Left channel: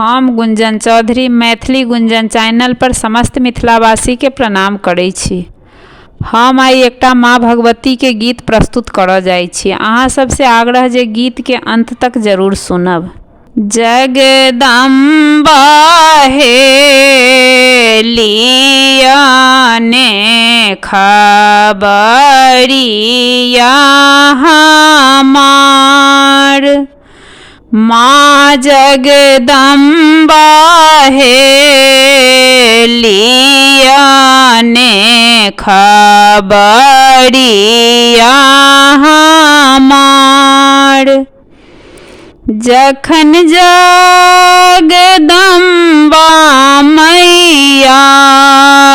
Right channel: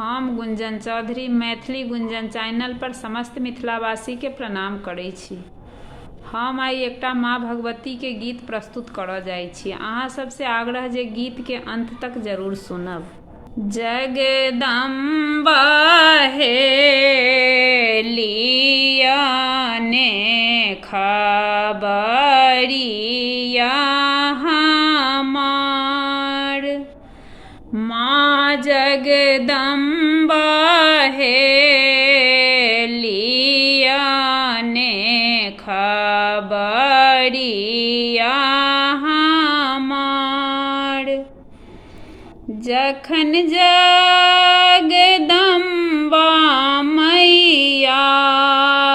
हम गुंजन चौधरी मैथिली गुंजन चैनल पर समस्त मिथिलावासी के प्रणाम करै छी। हम आई एकटा माँ भगवती के गीत प्रस्तुत करऽ जाइ छी। अहाँ सबसे आग्रह जे गीत के अंत तक जरूर सुनब। जगदम्बा हे लियाने खबरिया हमार, माँ जगदम्बा हे लियाने खबरिया हमार। जखन जगदम्बा मैया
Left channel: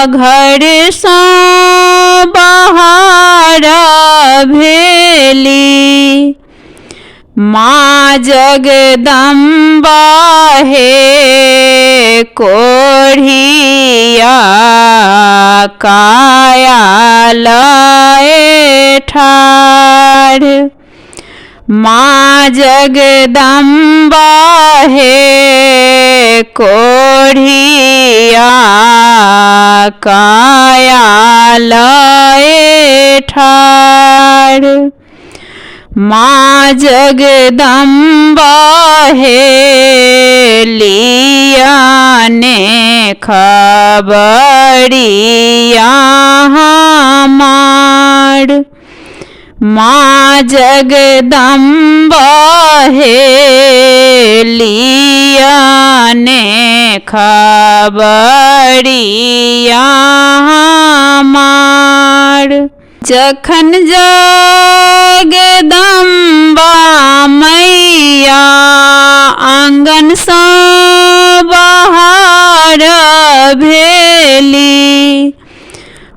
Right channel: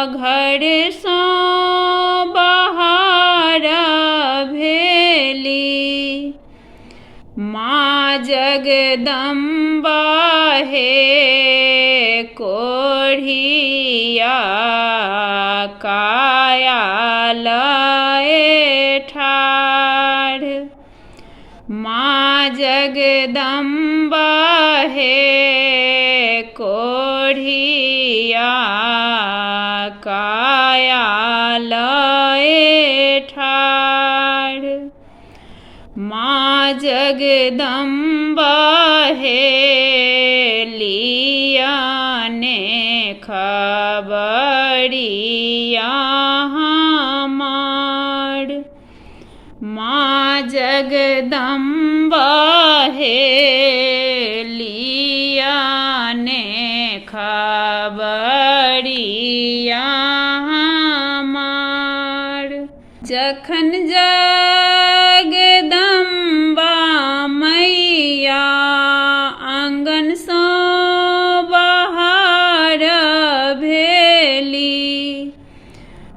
घर सँ बाहर भेली, माँ जगदम्बा हे कोढ़िया काया लए ठाढ़। माँ जगदम्बा हे कोढ़िया काया लए ठाढ़। माँ जगदम्बा हे लियाने खबरिया हमार, माँ जगदम्बा हे लियाने खबरिया हमार। जखन जगदम्बा मैया आंगन सँ बाहर भेली,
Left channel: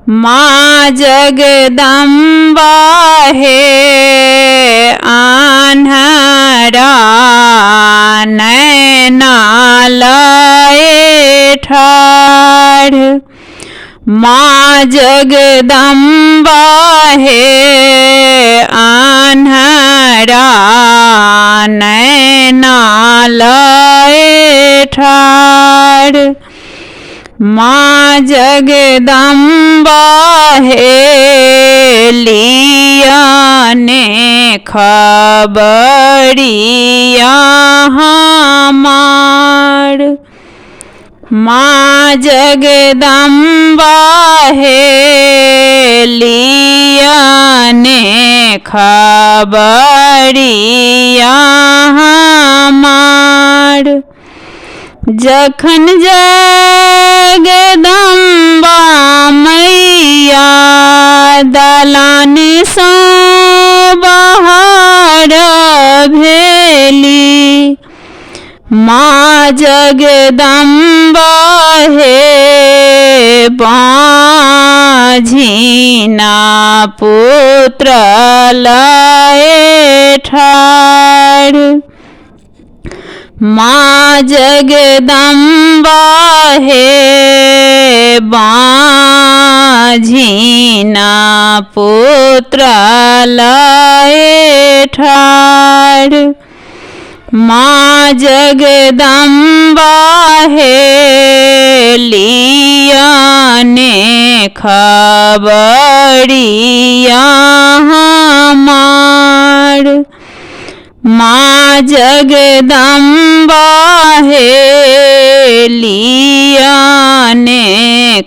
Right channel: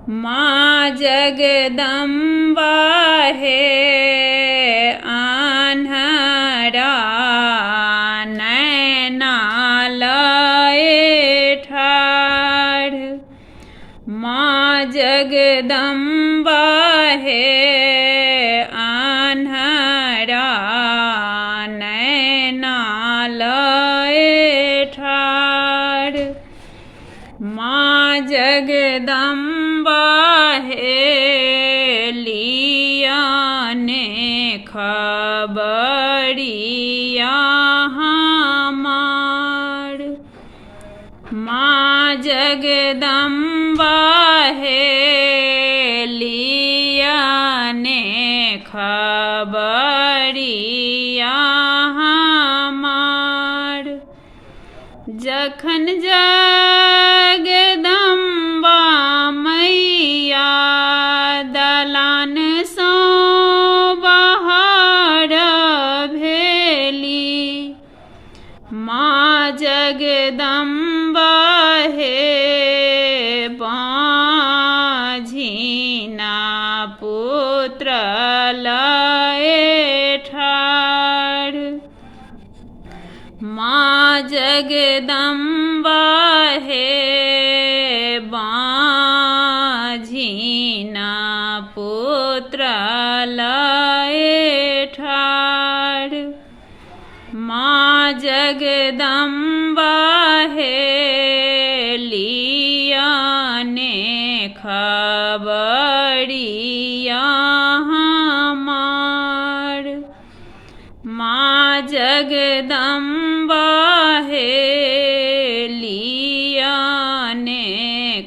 माँ जगदम्बा हे आन्हरा नैना लए ठाढ़। माँ जगदम्बा हे आन्हरा नैना लए ठाढ़। माँ जगदम्बा हे लियाने खबरिया हमार, माँ जगदम्बा हे लियाने खबरिया हमार। जखन जगदम्बा मैया दलान सँ बाहर भेली, माँ जगदम्बा हे बाँझिना पुत्र लए ठाढ़। माँ जगदम्बा हे बाँझिना पुत्र लए ठाढ़। माँ जगदम्बा हे लियाने खबरिया हमार, माँ जगदम्बा हे लियाने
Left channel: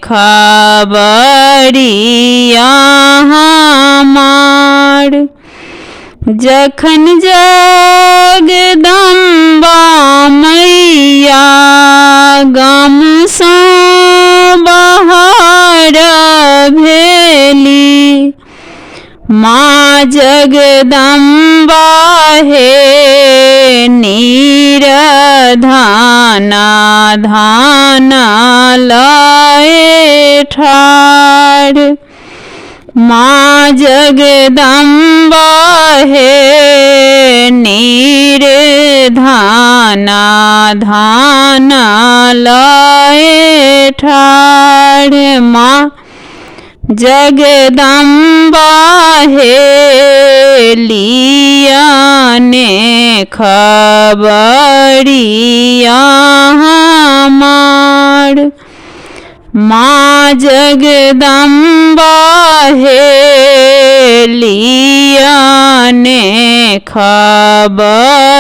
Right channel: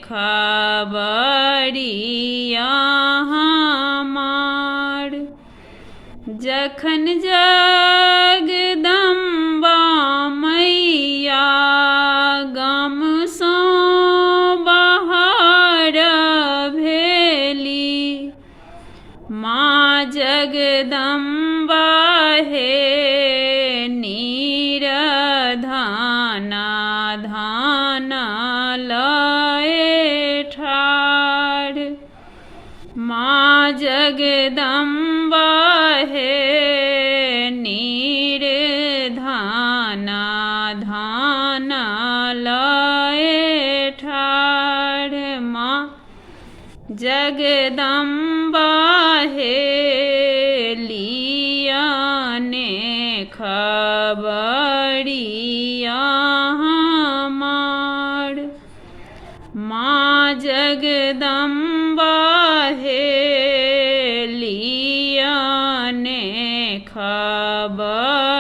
खबरिया हमार। जखन जगदम्बा मैया गाम सँ बाहर भेली, माँ जगदम्बा हे नीरधाना धाना लए ठाढ़। माँ जगदम्बा हे नीरधाना धाना लए ठाढ़। माँ जगदम्बा हे लियाने खबरिया माँ जगदम्बा हे लियाने खबरिया